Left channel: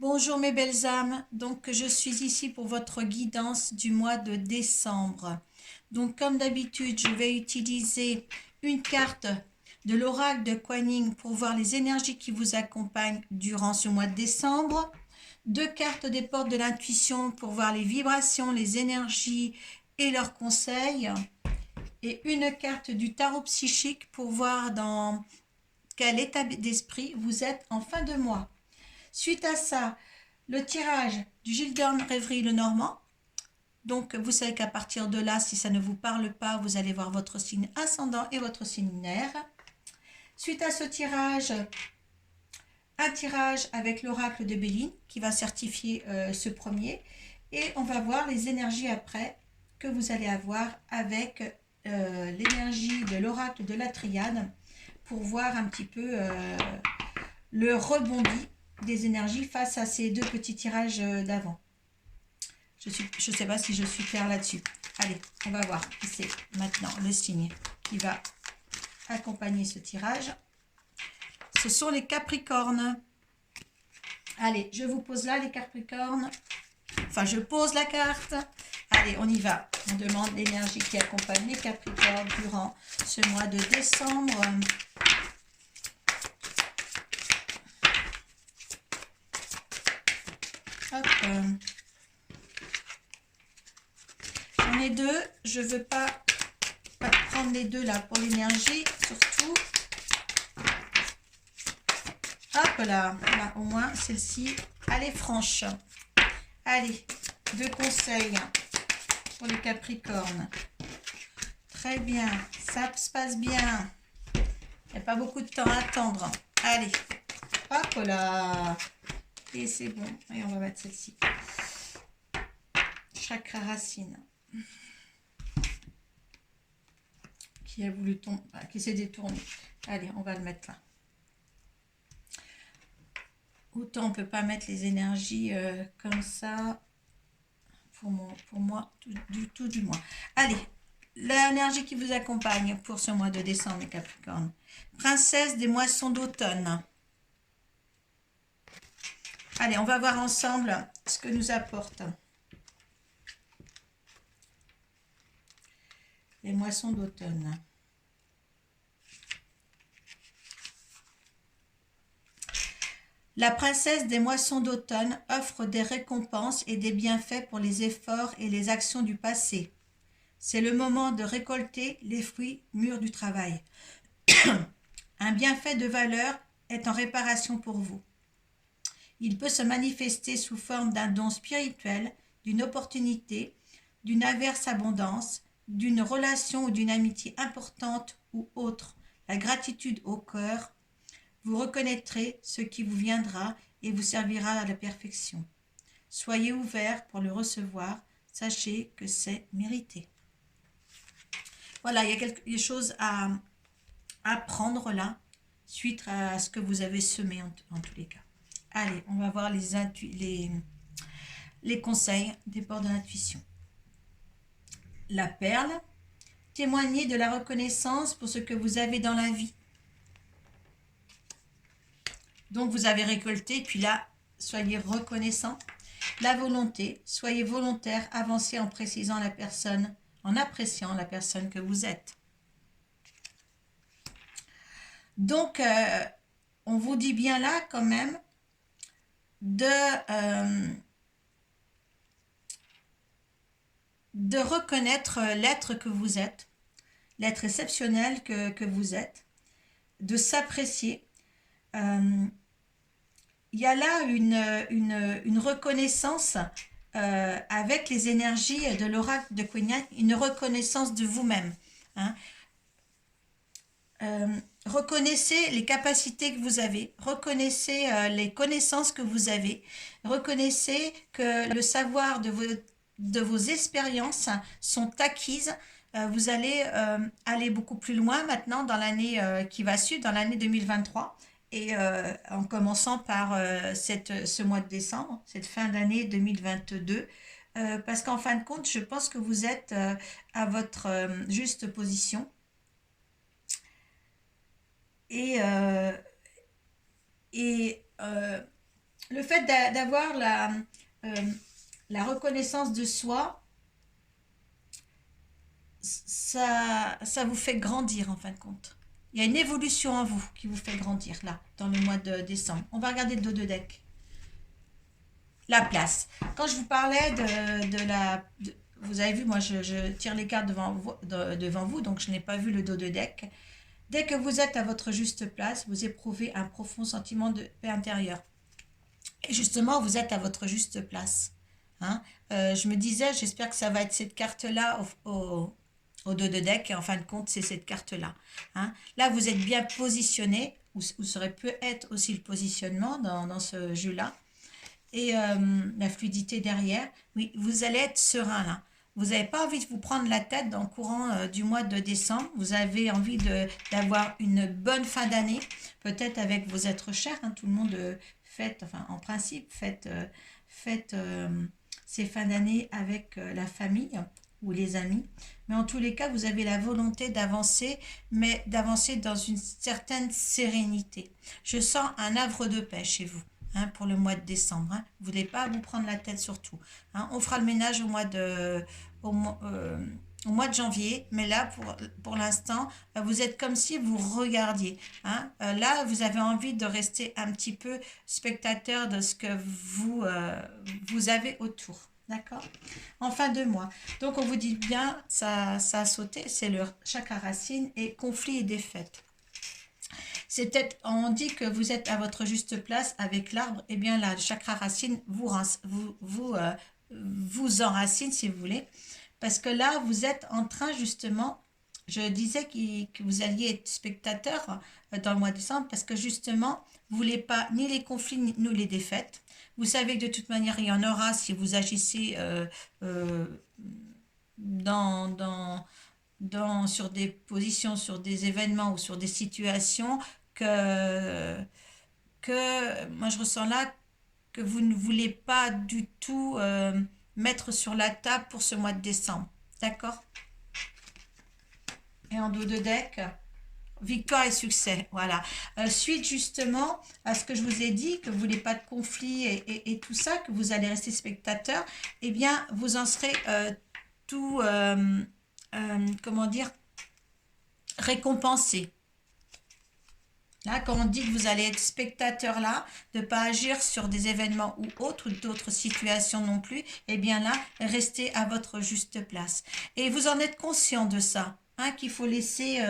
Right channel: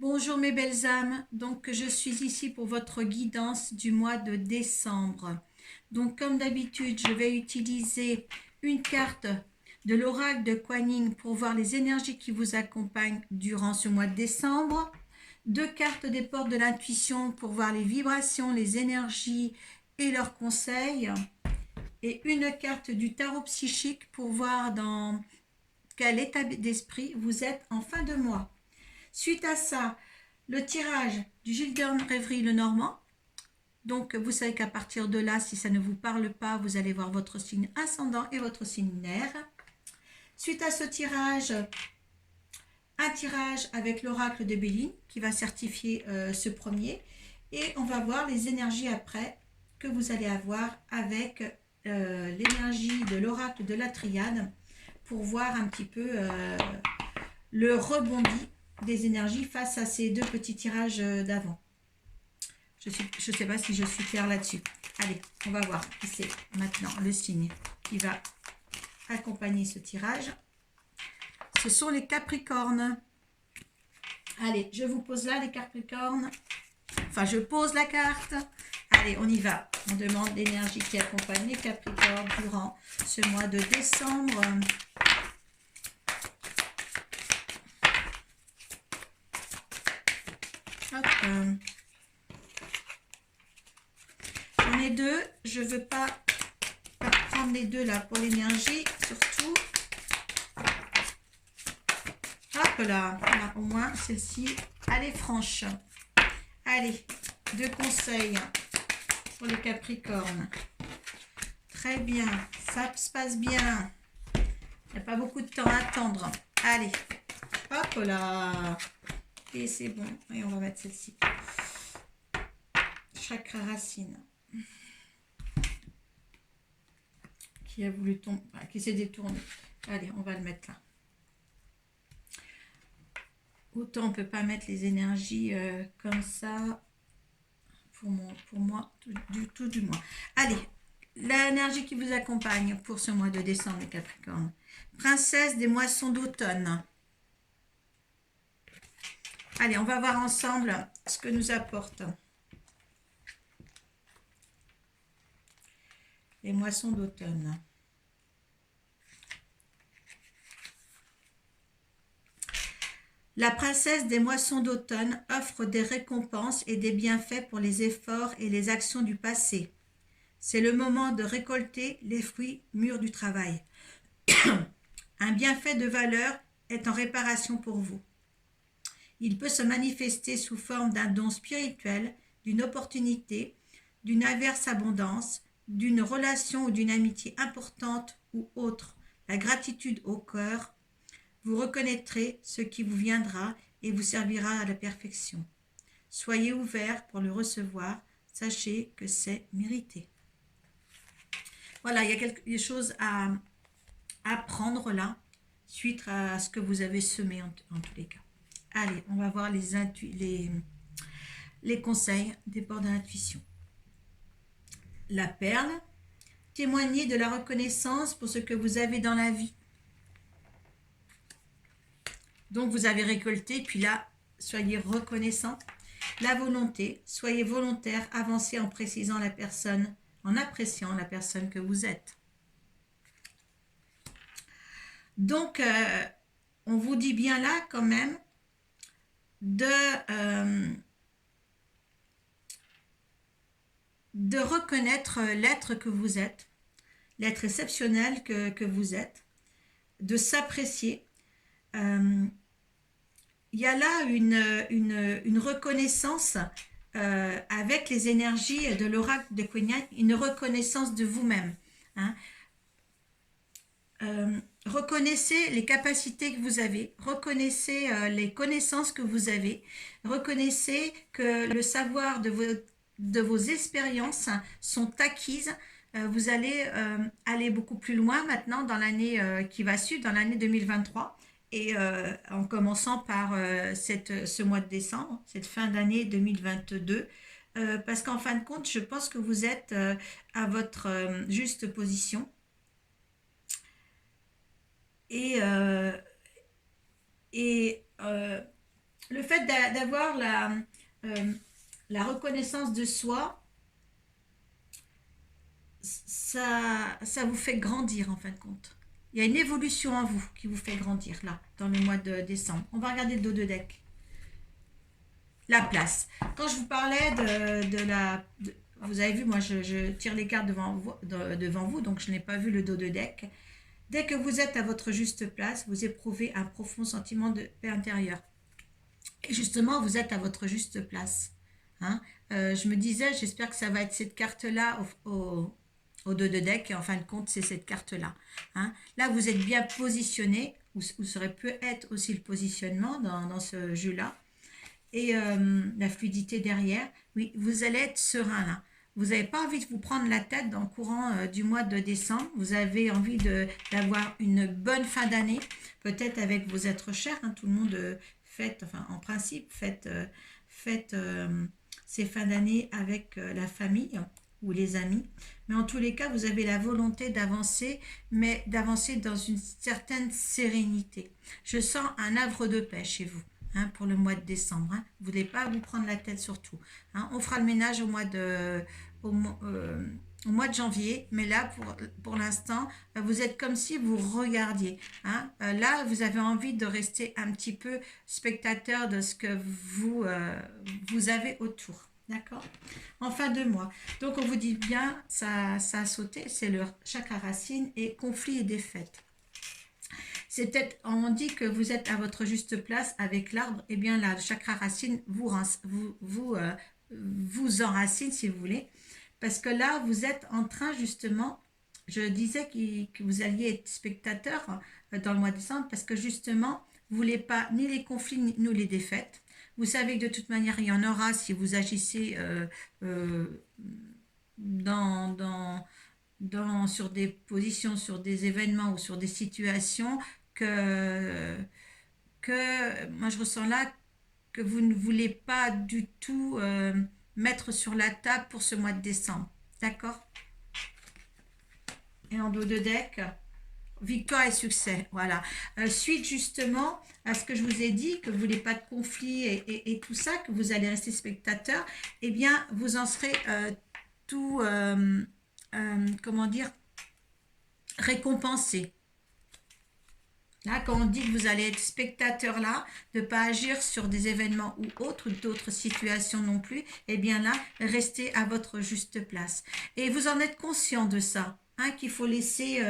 Bonjour mes belles âmes, donc je suis ici pour votre guidance du mois de décembre. Donc comme d'habitude, je vais utiliser une carte de l'oracle de Kuan Yin pour voir les énergies qui vous accompagnent durant ce mois de décembre. Deux cartes des portes de l'intuition pour voir les vibrations, les énergies et leurs conseils. Et une carte du tarot psychique pour voir dans quel état d'esprit vous êtes en fin de mois. Suite à ça, le tirage du Gildern Rêverie le Normand. Donc, vous savez qu'à partir de là, si ça ne vous parle pas, vous allez voir votre signe ascendant et votre signe lunaire. Suite à ce tirage, un tirage avec l'oracle de Béline qui va certifier ce premier. Et on va voir les énergies après que vous allez avoir avec l'énergie de l'oracle de la triade pour voir un petit peu le rebondi des énergies face à ces deux petits tirages d'avant. Je ne sais pas si je suis claire là-dessus. Allez, on va voir. C'est maintenant le signe qui va accompagner ce tirage. Ce sont les Capricornes. Allez, je vous pose là les Capricornes. Enfin, je pose la carte. Allez, on y va. On demande l'énergie qui accompagne les Capricornes durant ce mois de décembre. Hop. J'en ai deux. Je ne veux pas prendre les deux là pour l'énergie, surtout. Hop là, voilà, au moins celle-ci, elle est franche. Allez, deux conseils pour les Capricornes. Très bien, ça se passe bien. Il n'y a pas beaucoup de temps à attendre. Allez, hop là. Et c'est bon. Et on va mettre celle-ci. Chakra racine. Qui a voulu tomber, qui s'est détourné. Allez, on va le mettre là. Autant on ne peut pas mettre les énergies comme ça. Pour moi, tout du moins. Allez, l'énergie qui vous accompagne pour ce mois de décembre, les Capricornes. Princesse des moissons d'automne. Allez, on va voir ensemble ce que nous apporte les moissons d'automne. La princesse des moissons d'automne offre des récompenses et des bienfaits pour les efforts et les actions du passé. C'est le moment de récolter les fruits mûrs du travail. Un bienfait de valeur est en réparation pour vous. Il peut se manifester sous forme d'un don spirituel, d'une opportunité, d'une averse abondance, d'une relation ou d'une amitié importante ou autre. La gratitude au cœur, vous reconnaîtrez ce qui vous viendra et vous servira à la perfection. Soyez ouverts pour le recevoir, sachez que c'est mérité. Voilà, il y a quelque chose à apprendre là, suite à ce que vous avez semé en tous les cas. Allez, on va voir les conseils des portes de l'intuition. La perle, témoignez de la reconnaissance pour ce que vous avez dans la vie. Donc vous avez récolté, puis là, soyez reconnaissant. La volonté, soyez volontaire, avancez en précisant la personne, en appréciant la personne que vous êtes. Donc, on vous dit bien là quand même de reconnaître l'être que vous êtes, l'être exceptionnel que vous êtes, de s'apprécier. Il y a là une reconnaissance avec les énergies de l'oracle de Kuan Yin, une reconnaissance de vous-même. Hein. Reconnaissez les capacités que vous avez, reconnaissez les connaissances que vous avez, reconnaissez que le savoir de vos expériences sont acquises. Vous allez aller beaucoup plus loin maintenant dans l'année qui va suivre, dans l'année 2023, et en commençant par ce mois de décembre, cette fin d'année 2022, parce qu'en fin de compte, je pense que vous êtes à votre juste position. Et le fait d'avoir la reconnaissance de soi, ça vous fait grandir en fin de compte. Il y a une évolution en vous qui vous fait grandir là, dans le mois de décembre. On va regarder le dos de deck. La place. Quand je vous parlais vous avez vu, moi je tire les cartes devant vous, donc je n'ai pas vu le dos de deck. Dès que vous êtes à votre juste place, vous éprouvez un profond sentiment de paix intérieure. Et justement, vous êtes à votre juste place. Hein. Je me disais, j'espère que ça va être cette carte-là au dos de deck. Et en fin de compte, c'est cette carte-là. Hein. Là, vous êtes bien positionné, ou ça aurait pu être aussi le positionnement dans ce jeu-là. Et la fluidité derrière. Oui, vous allez être serein là. Vous n'avez pas envie de vous prendre la tête dans le courant du mois de décembre. Vous avez envie d'avoir une bonne fin d'année, peut-être avec vos êtres chers. Hein, tout le monde fête, enfin en principe, fête ces fins d'année avec la famille ou les amis. Mais en tous les cas, vous avez la volonté d'avancer, mais d'avancer dans une certaine sérénité. Je sens un havre de paix chez vous. Hein, pour le mois de décembre. Hein. Vous ne voulez pas vous prendre la tête surtout. Hein. On fera le ménage au mois de janvier, mais là, pour l'instant, vous êtes comme si vous regardiez. Hein. Là, vous avez envie de rester un petit peu spectateur de ce que vous avez autour. D'accord? En fin de mois. Donc, on vous dit bien, ça a sauté, c'est le chakra racine et conflit et défaite. C'est peut-être, on dit que vous êtes à votre juste place avec l'arbre, et bien là, le chakra racine vous enracine si vous voulez, parce que là, vous êtes en train justement, je disais que vous alliez être spectateur dans le mois de décembre, parce que justement, vous ne voulez pas ni les conflits, ni les défaites. Vous savez que de toute manière, il y en aura si vous agissez sur des positions, sur des événements ou sur des situations que moi je ressens là que vous ne voulez pas du tout mettre sur la table pour ce mois de décembre. D'accord? Et en dos de deck, victoire et succès. Voilà. Suite justement à ce que je vous ai dit, que vous ne voulez pas de conflit et tout ça, que vous allez rester spectateur, eh bien vous en serez tout, comment dire, récompensé. Là, quand on dit que vous allez être spectateur là, de ne pas agir sur des événements ou autres, d'autres situations non plus, eh bien là, restez à votre juste place. Et vous en êtes conscient de ça, hein, qu'il faut laisser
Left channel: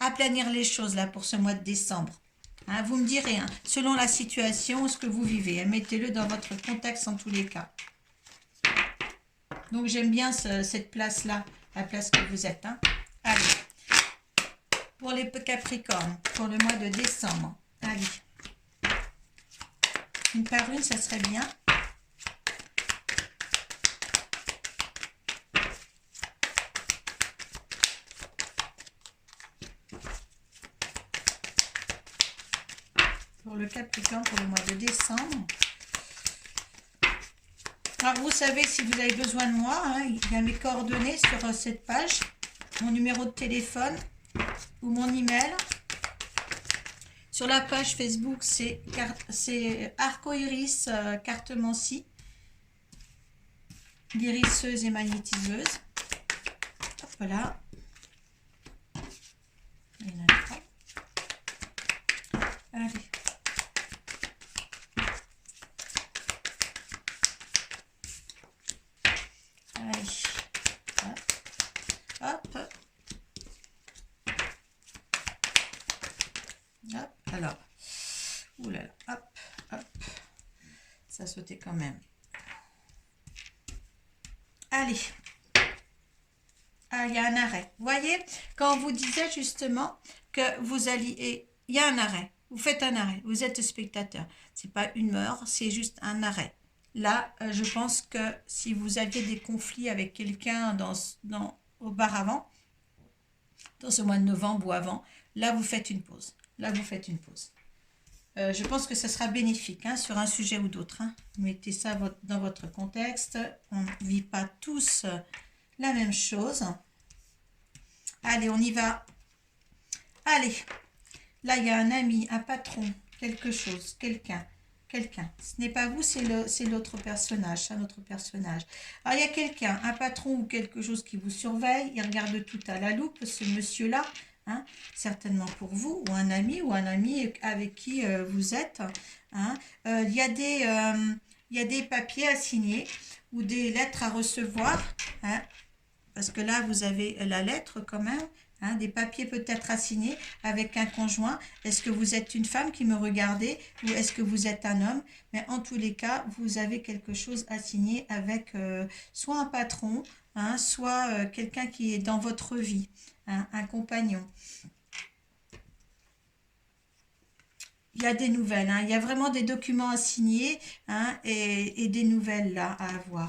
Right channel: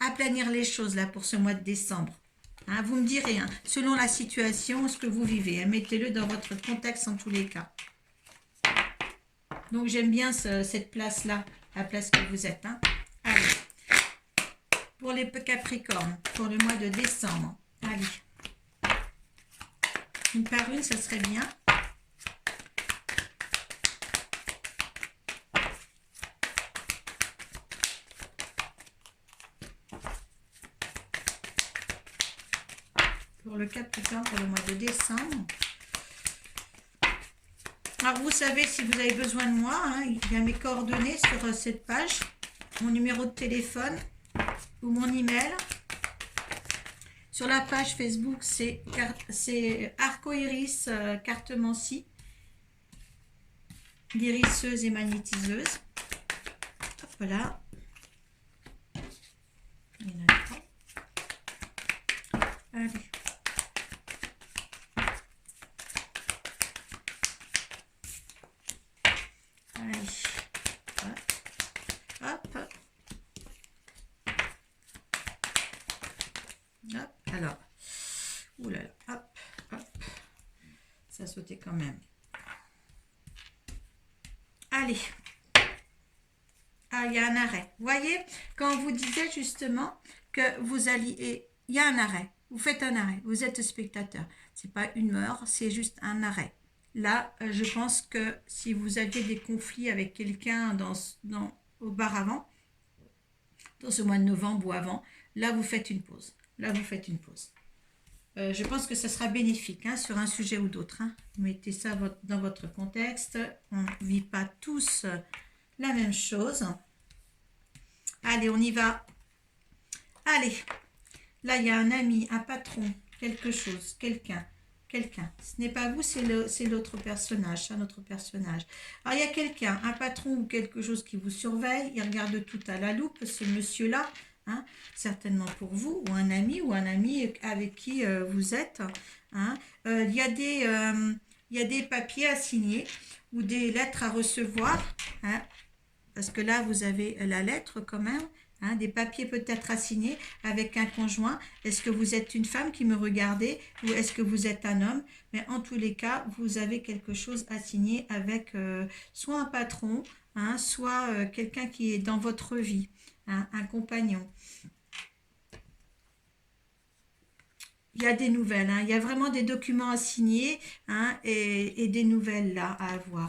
aplanir les choses là pour ce mois de décembre. Hein, vous me direz, hein, selon la situation, ce que vous vivez, hein, mettez-le dans votre contexte en tous les cas. Donc j'aime bien cette place-là, la place que vous êtes. Hein. Allez. Pour les Capricornes, pour le mois de décembre. Allez. Une par une, ça serait bien. Pour le Capricorne, pour le mois de décembre. Alors, vous savez, si vous avez besoin de moi, hein, il y a mes coordonnées sur cette page, mon numéro de téléphone ou mon email. Sur la page Facebook, c'est Arcoiris Cartomancie, guérisseuse et magnétiseuse. Hop, voilà. Allez. Allez. Hop. Hop. Alors. Oulala. Hop. Hop. Ça sautait quand même. Allez. Ah, il y a un arrêt. Vous voyez, quand on vous disait justement que vous alliez... Il y a un arrêt. Vous faites un arrêt. Vous êtes spectateur. Ce n'est pas une mort, c'est juste un arrêt. Là, je pense que si vous aviez des conflits avec quelqu'un auparavant, dans ce mois de novembre ou avant, là, vous faites une pause. Là, vous faites une pause. Je pense que ce sera bénéfique hein, sur un sujet ou d'autre. Hein. Mettez ça dans votre contexte. On ne vit pas tous la même chose. Allez, on y va. Allez. Là, il y a un ami, un patron, quelque chose, quelqu'un. quelqu'un. Ce n'est pas vous, c'est l'autre personnage, c'est un autre personnage. Alors, il y a quelqu'un, un patron ou quelque chose qui vous surveille, il regarde tout à la loupe, ce monsieur-là, hein, certainement pour vous, ou un ami avec qui vous êtes. Hein. Il y a des papiers à signer ou des lettres à recevoir, hein, parce que là, vous avez la lettre quand même, hein, des papiers peut-être à signer avec un conjoint. Est-ce que vous êtes une femme qui me regardez ou est-ce que vous êtes un homme? Mais en tous les cas, vous avez quelque chose à signer avec soit un patron, hein, soit quelqu'un qui est dans votre vie, hein, un compagnon. Il y a des nouvelles, hein, il y a vraiment des documents à signer, hein, et des nouvelles là à avoir.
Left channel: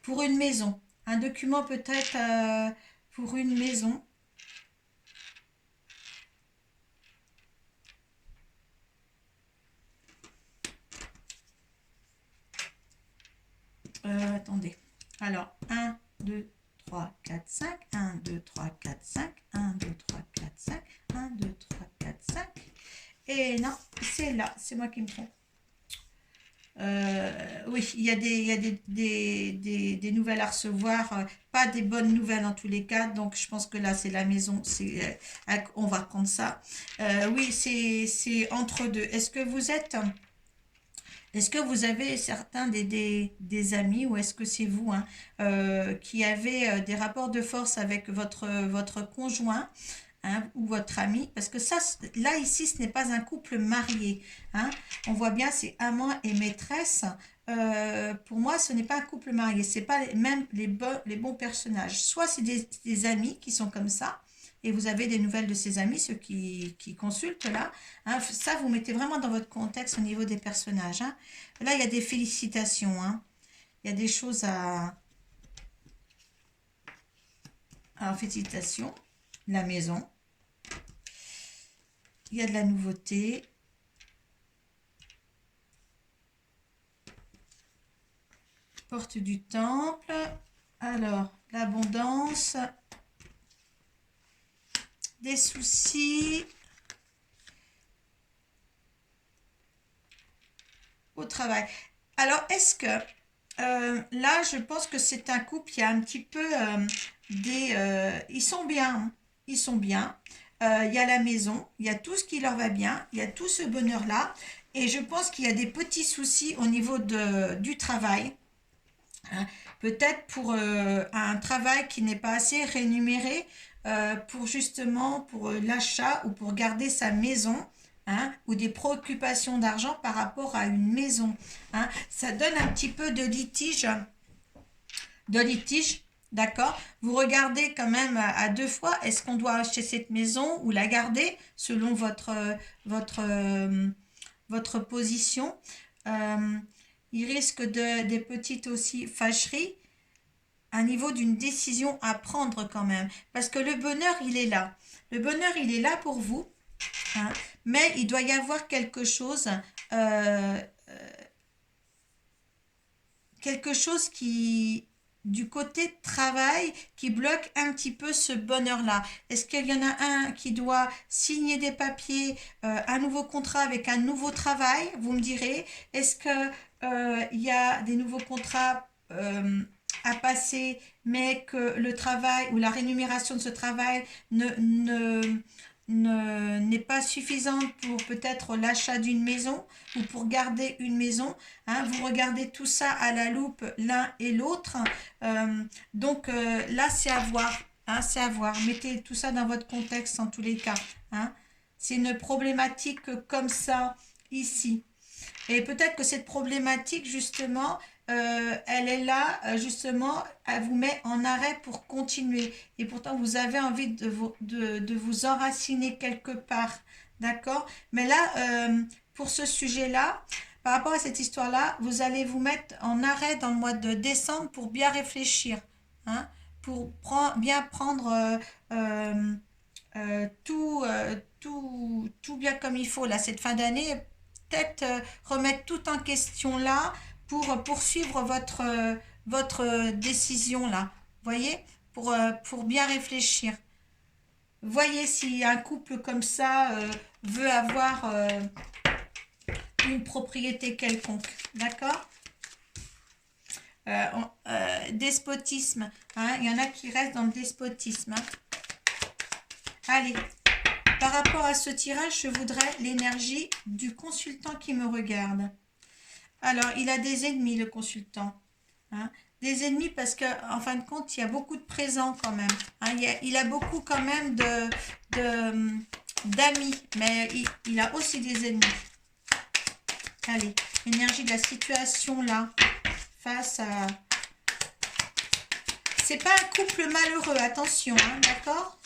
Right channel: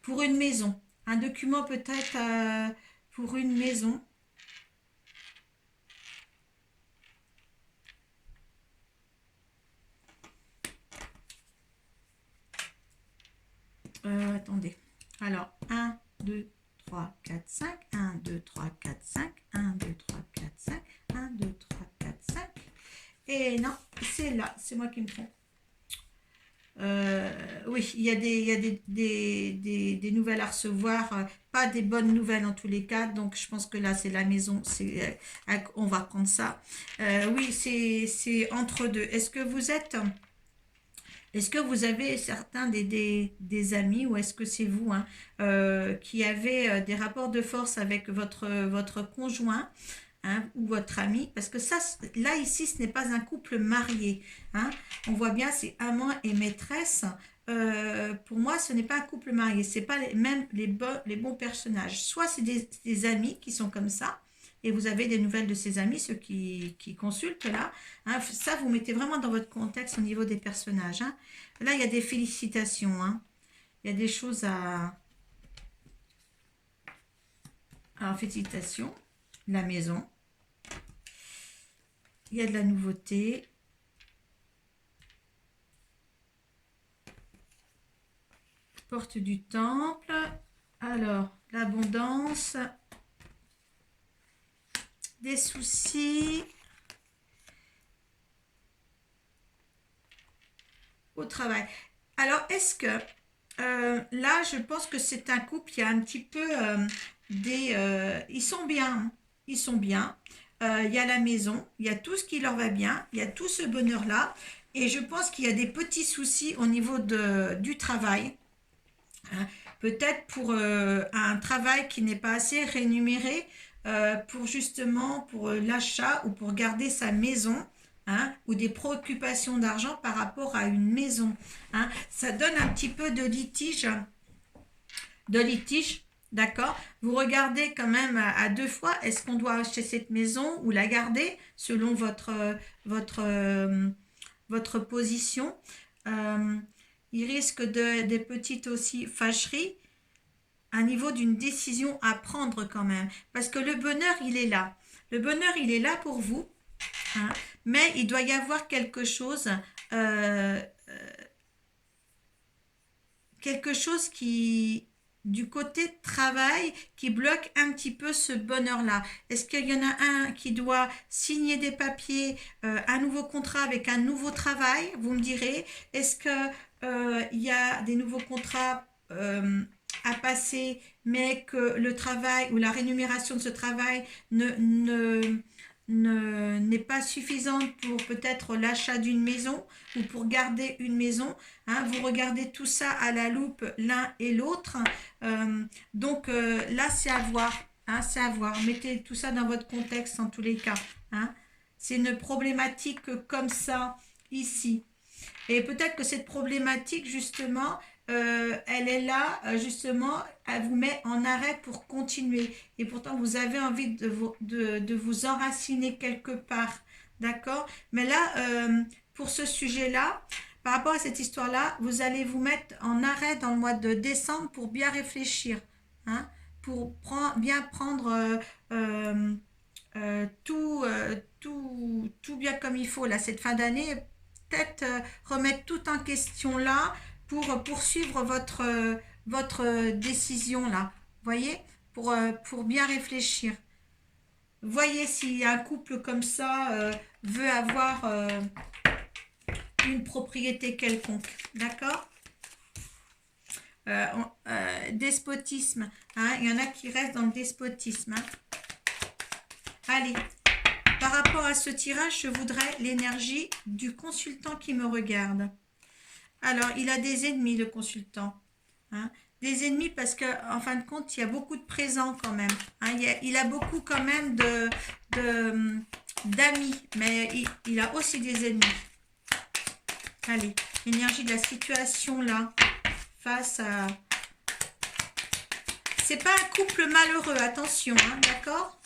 Pour une maison, un document peut-être pour une maison. Attendez. Alors, 1, 2, 3, 4, 5. 1, 2, 3, 4, 5. 1, 2, 3, 4, 5. 1, 2, 3, 4, 5. Et non, c'est là, c'est moi qui me trompe. Oui, il y a des nouvelles à recevoir, pas des bonnes nouvelles en tous les cas, donc je pense que là c'est la maison, on va prendre ça. Oui, c'est entre deux. Est-ce que vous avez certains des amis ou est-ce que c'est vous, hein, qui avez des rapports de force avec votre conjoint, hein, ou votre ami? Parce que ça, là, ici, ce n'est pas un couple marié. Hein. On voit bien, c'est amant et maîtresse. Pour moi, ce n'est pas un couple marié. Ce n'est pas même les bons personnages. Soit c'est des amis qui sont comme ça, et vous avez des nouvelles de ces amis, ceux qui consultent là. Hein, ça, vous mettez vraiment dans votre contexte au niveau des personnages. Hein. Là, il y a des félicitations. Hein. Il y a des choses à... Alors, félicitations. La maison. Il y a de la nouveauté. Porte du temple. Alors, l'abondance. Des soucis. Au travail. Alors, est-ce que là, je pense que c'est un couple, il y a un petit peu ils sont bien, hein. Ils sont bien. Il y a la maison, il y a tout ce qui leur va bien, il y a tout ce bonheur-là. Et je pense qu'il y a des petits soucis au niveau du travail. Hein. Peut-être pour un travail qui n'est pas assez rémunéré pour justement pour l'achat ou pour garder sa maison. Hein, ou des préoccupations d'argent par rapport à une maison. Hein. Ça donne un petit peu de litige, d'accord? Vous regardez quand même à deux fois, est-ce qu'on doit acheter cette maison ou la garder selon votre position. Il risque des petites aussi fâcheries, un niveau d'une décision à prendre quand même, parce que le bonheur, il est là. Le bonheur, il est là pour vous. Hein, mais il doit y avoir quelque chose qui, du côté travail, qui bloque un petit peu ce bonheur-là. Est-ce qu'il y en a un qui doit signer des papiers, un nouveau contrat avec un nouveau travail, vous me direz. Est-ce qu'il y a des nouveaux contrats à passer, mais que le travail ou la rémunération de ce travail n'est pas suffisante pour peut-être l'achat d'une maison ou pour garder une maison. Hein, vous regardez tout ça à la loupe l'un et l'autre. Donc là, c'est à voir. Hein, c'est à voir. Mettez tout ça dans votre contexte en tous les cas. Hein. C'est une problématique comme ça ici. Et peut-être que cette problématique, justement, elle est là, justement, elle vous met en arrêt pour continuer. Et pourtant, vous avez envie de vous enraciner quelque part. D'accord? Mais là, pour ce sujet-là, par rapport à cette histoire-là, vous allez vous mettre en arrêt dans le mois de décembre pour bien réfléchir. Hein? Pour bien prendre tout bien comme il faut. Là, cette fin d'année, peut-être remettre tout en question là pour poursuivre votre décision là. Voyez, pour bien réfléchir. Voyez si un couple comme ça veut avoir une propriété quelconque, d'accord? Despotisme, hein, il y en a qui restent dans le despotisme. Hein. Allez, par rapport à ce tirage, je voudrais l'énergie du consultant qui me regarde. Alors, il a des ennemis, le consultant. Hein. Des ennemis parce qu'en fin de compte, il y a beaucoup de présents quand même. Hein. Il a beaucoup quand même d'amis, mais il a aussi des ennemis. Allez, l'énergie de la situation là, face à... C'est pas un couple malheureux, attention, hein, d'accord?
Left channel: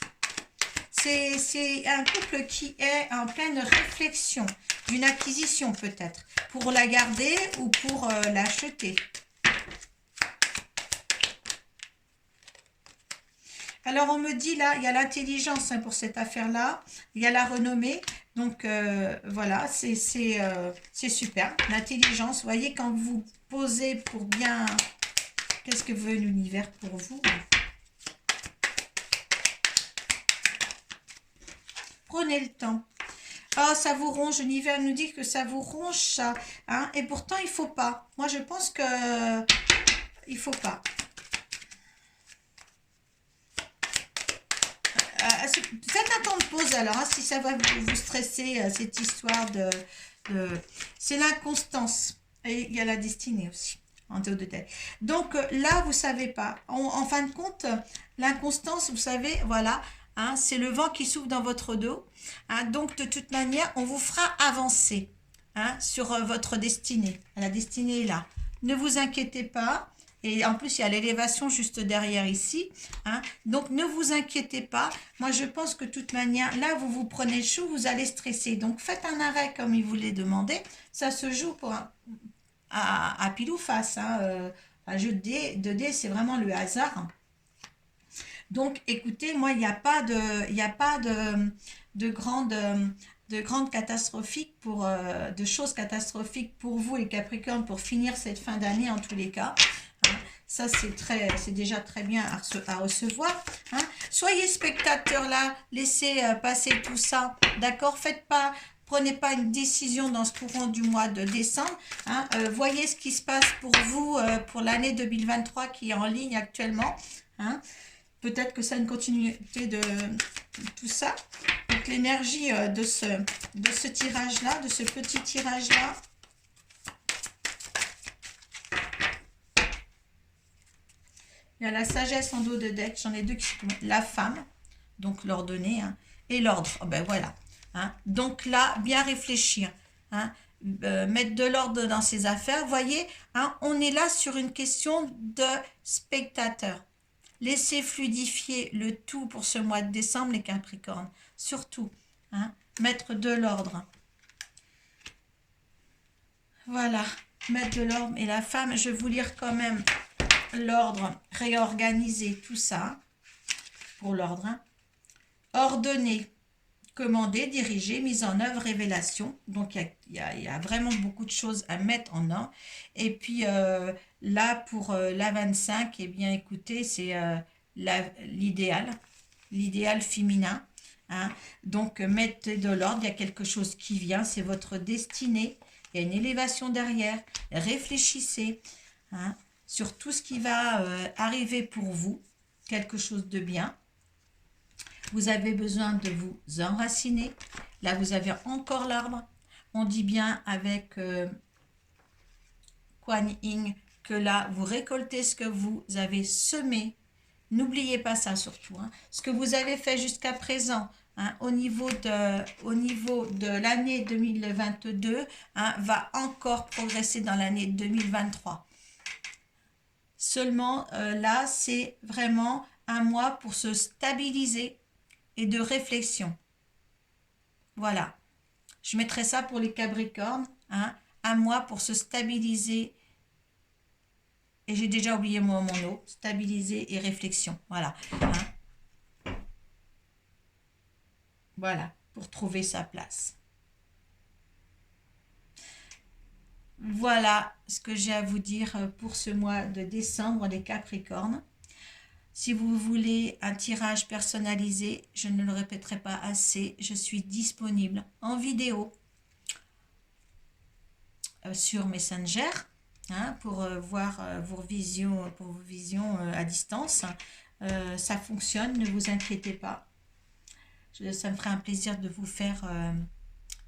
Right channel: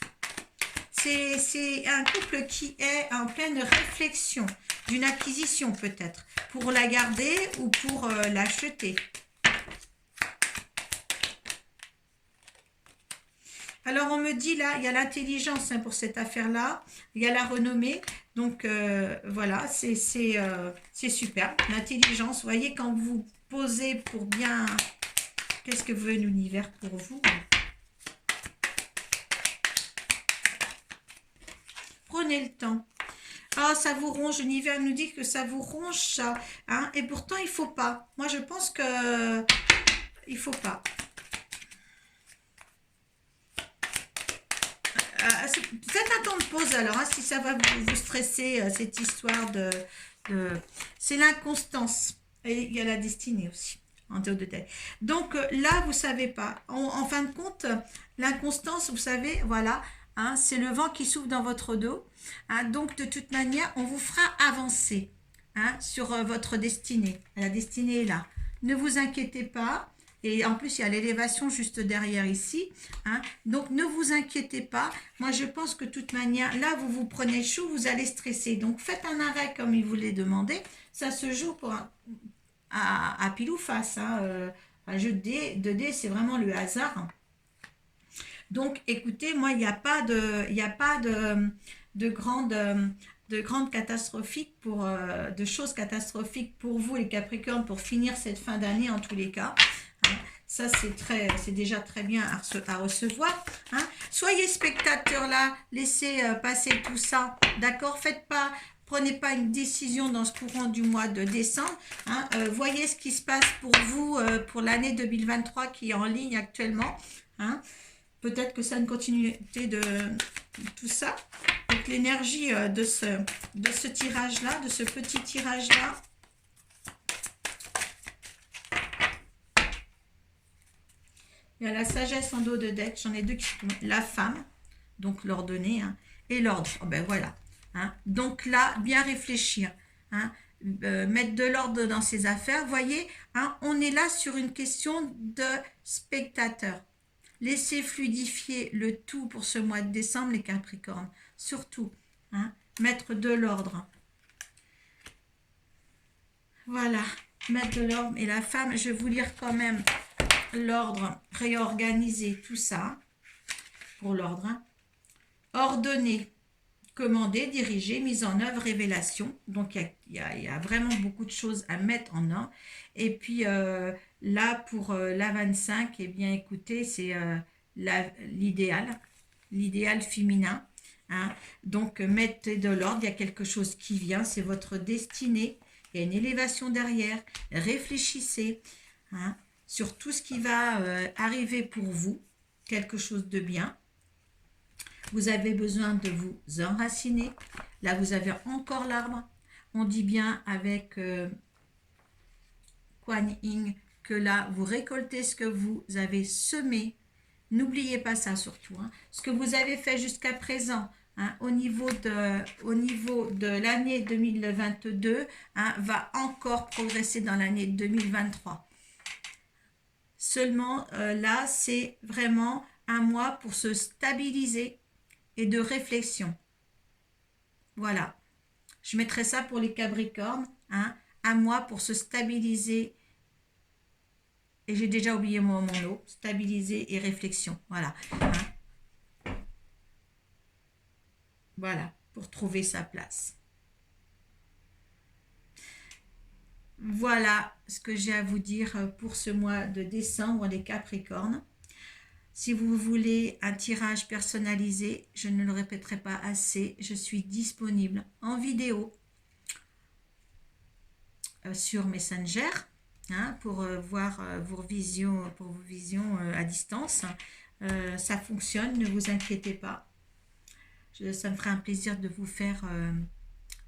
C'est un couple qui est en pleine réflexion d'une acquisition peut-être, pour la garder ou pour l'acheter. Alors on me dit là, il y a l'intelligence hein, pour cette affaire-là, il y a la renommée, donc voilà, c'est super. L'intelligence, vous voyez quand vous posez pour bien, qu'est-ce que veut l'univers pour vous? Prenez le temps. Ah, ça vous ronge, l'univers nous dit que ça vous ronge ça, hein, et pourtant il faut pas. Moi je pense que il faut pas. Faites un temps de pause alors, hein, si ça va vous stresser, cette histoire de... C'est l'inconstance. Et il y a la destinée aussi, en théo de tête. Donc là, vous ne savez pas. En fin de compte, l'inconstance, vous savez, voilà, hein, c'est le vent qui souffle dans votre dos. Hein, donc de toute manière, on vous fera avancer hein, sur votre destinée. La destinée est là. Ne vous inquiétez pas. Et en plus, il y a l'élévation juste derrière ici. Hein. Donc, ne vous inquiétez pas. Moi, je pense que de toute manière, là, vous vous prenez chaud, vous allez stresser. Donc, faites un arrêt comme il vous l'a demandé. Ça se joue à pile ou face. Hein. Un jeu de dés, c'est vraiment le hasard. Donc, écoutez, moi, il n'y a pas de grandes catastrophiques de choses catastrophiques pour vous, les Capricornes, pour finir cette fin d'année en tous les cas. Ça, c'est déjà très bien à recevoir. Hein. Soyez spectateurs là, laissez passer tout ça. D'accord? Prenez pas une décision dans ce courant du mois de décembre. Hein. Voyez ce qui se passe pour vous pour l'année 2023 qui est en ligne actuellement. Hein. Peut-être que c'est une continuité de tout ça. Donc, l'énergie de ce tirage-là, de ce petit tirage-là. Il y a la sagesse en dos de deck, j'en ai deux qui sont la femme, donc l'ordonnée, hein, et l'ordre. Oh ben voilà. Hein. Donc là, bien réfléchir, hein, mettre de l'ordre dans ses affaires. Vous voyez, hein, on est là sur une question de spectateur. Laissez fluidifier le tout pour ce mois de décembre, les Capricornes. Surtout, hein, mettre de l'ordre. Voilà, mettre de l'ordre. Et la femme, je vais vous lire quand même l'ordre, réorganiser tout ça pour l'ordre. Hein. Ordonner, commander, diriger, mise en œuvre, révélation. Donc, il y a vraiment beaucoup de choses à mettre en ordre. Et puis, là, pour la 25, eh bien, écoutez, c'est l'idéal féminin. Hein. Donc, mettez de l'ordre, il y a quelque chose qui vient, c'est votre destinée. Il y a une élévation derrière. Réfléchissez hein, sur tout ce qui va arriver pour vous, quelque chose de bien. Vous avez besoin de vous enraciner. Là, vous avez encore l'arbre. On dit bien avec Kuan Yin que là, vous récoltez ce que vous avez semé. N'oubliez pas ça surtout. Hein. Ce que vous avez fait jusqu'à présent hein, au niveau de l'année 2022 hein, va encore progresser dans l'année 2023. Seulement, là, c'est vraiment un mois pour se stabiliser et de réflexion. Voilà. Je mettrai ça pour les Capricornes. Hein, un mois pour se stabiliser. Et j'ai déjà oublié mon mot. Stabiliser et réflexion. Voilà. Hein. Voilà. Pour trouver sa place. Voilà ce que j'ai à vous dire pour ce mois de décembre, les Capricornes. Si vous voulez un tirage personnalisé, je ne le répéterai pas assez, je suis disponible en vidéo. sur Messenger, hein, pour voir vos visions, à distance. Ça fonctionne, ne vous inquiétez pas. Ça me ferait un plaisir de vous faire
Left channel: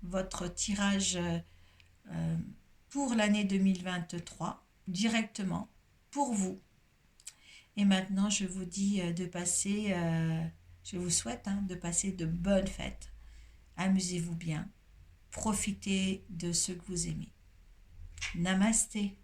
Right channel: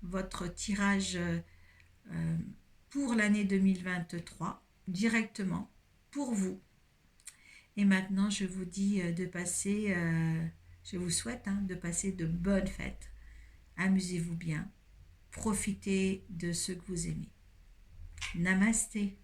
votre tirage pour l'année 2023 directement pour vous. Et maintenant, je vous dis de passer, je vous souhaite de passer de bonnes fêtes. Amusez-vous bien. Profitez de ce que vous aimez. Namasté.